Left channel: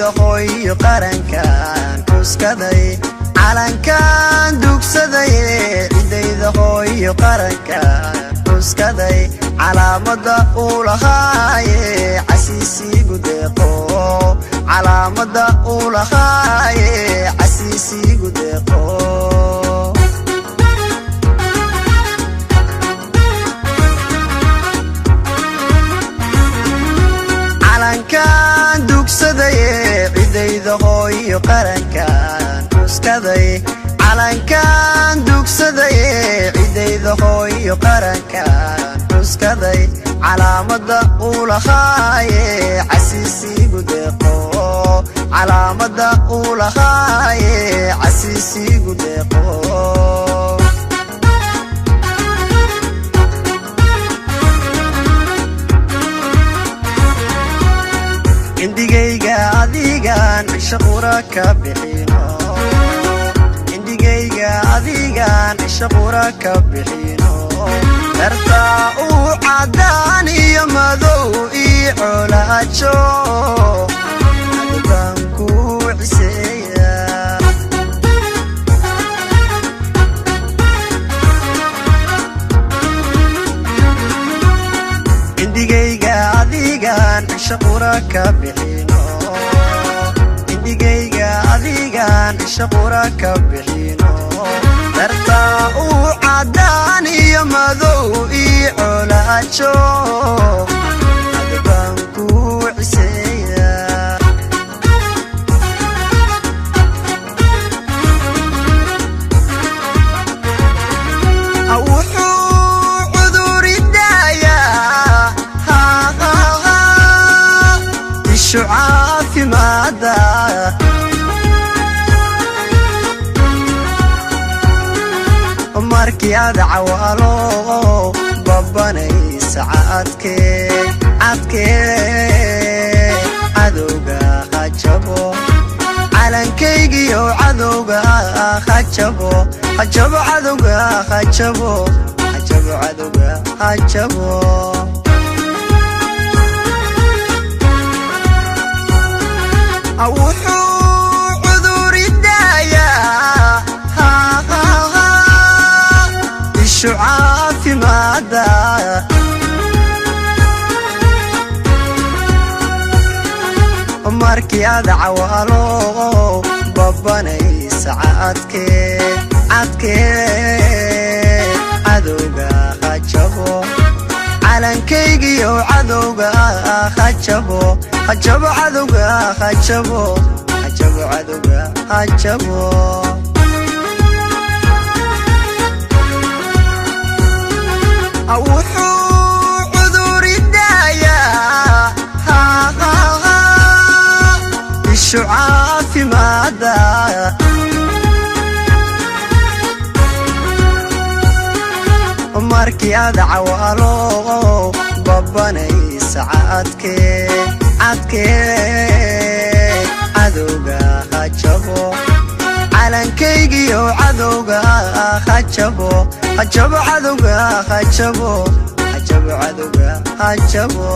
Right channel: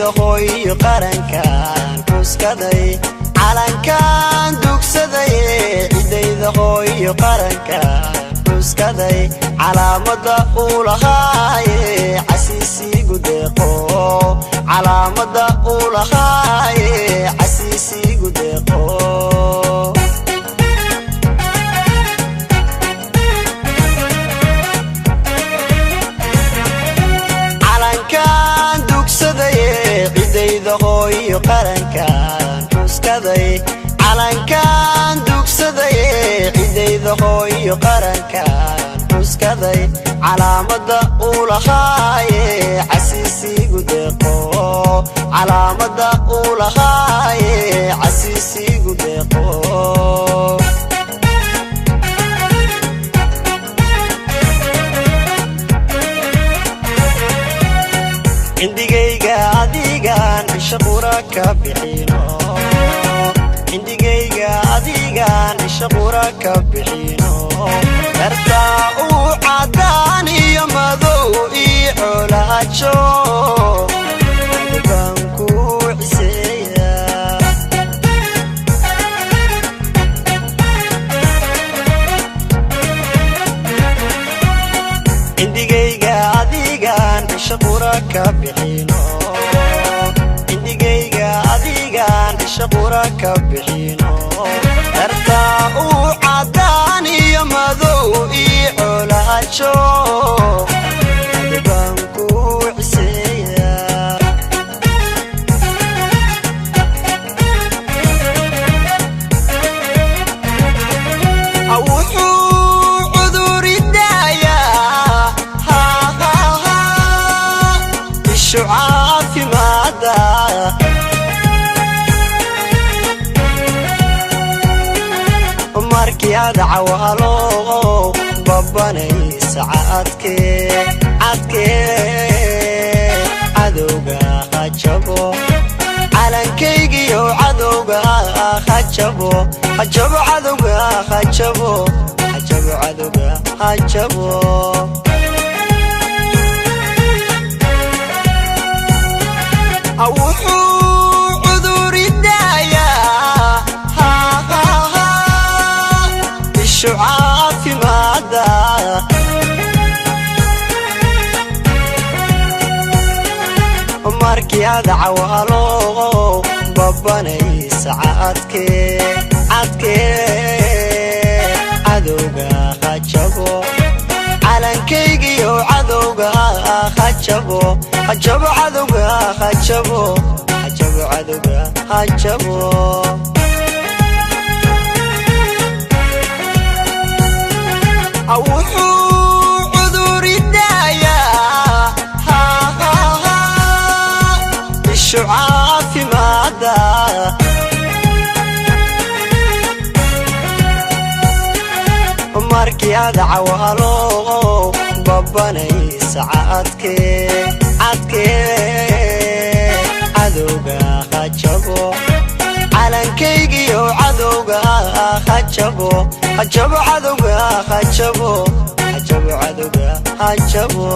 عديد خوي قرنكان حسكدي calankan dugsaday عديد خوي قرنكان حسكدي calaamada uu lahaay casiisigu deeqo calaamada uu lahaay casiisigu deeqo calankan dugsaday cidayda hooyo qarankan xuskaday calankan dugsaday cidayda hooyo qarankan xuskaday calaamada uu lahaay casiisigu deeqo calaamada uu lahaay casiisigu deeqo indigayga adigan shaqura ka bixino indigayga adigan shaqura ka bixino darta uu cadaan iyo madow iyo colaajo adban ku ciseeya indigayga adigan shaqura ka bixino indigayga adigan shaqura ka bixino darta uu cadaan iyo madow iyo colaajo adban ku ciseeya شعافي ماذا markii aad cawaalo babanay saacadkee cadowga hajabo calankaygiyo cadowga hajabo cadowga hajabo cadowga hajabo wuxuu cuduri daayaa ishu caafimaada markii aad cawaalo babanay saacadkee cadowga hajabo calankaygiyo cadowga hajabo cadowga hajabo cadowga hajabo wuxuu cuduri daayaa ishu caafimaada markii aad cawaalo babanay saacadkee cadowga hajabo calankaygiyo cadowga hajabo cadowga hajabo cadowga hajabo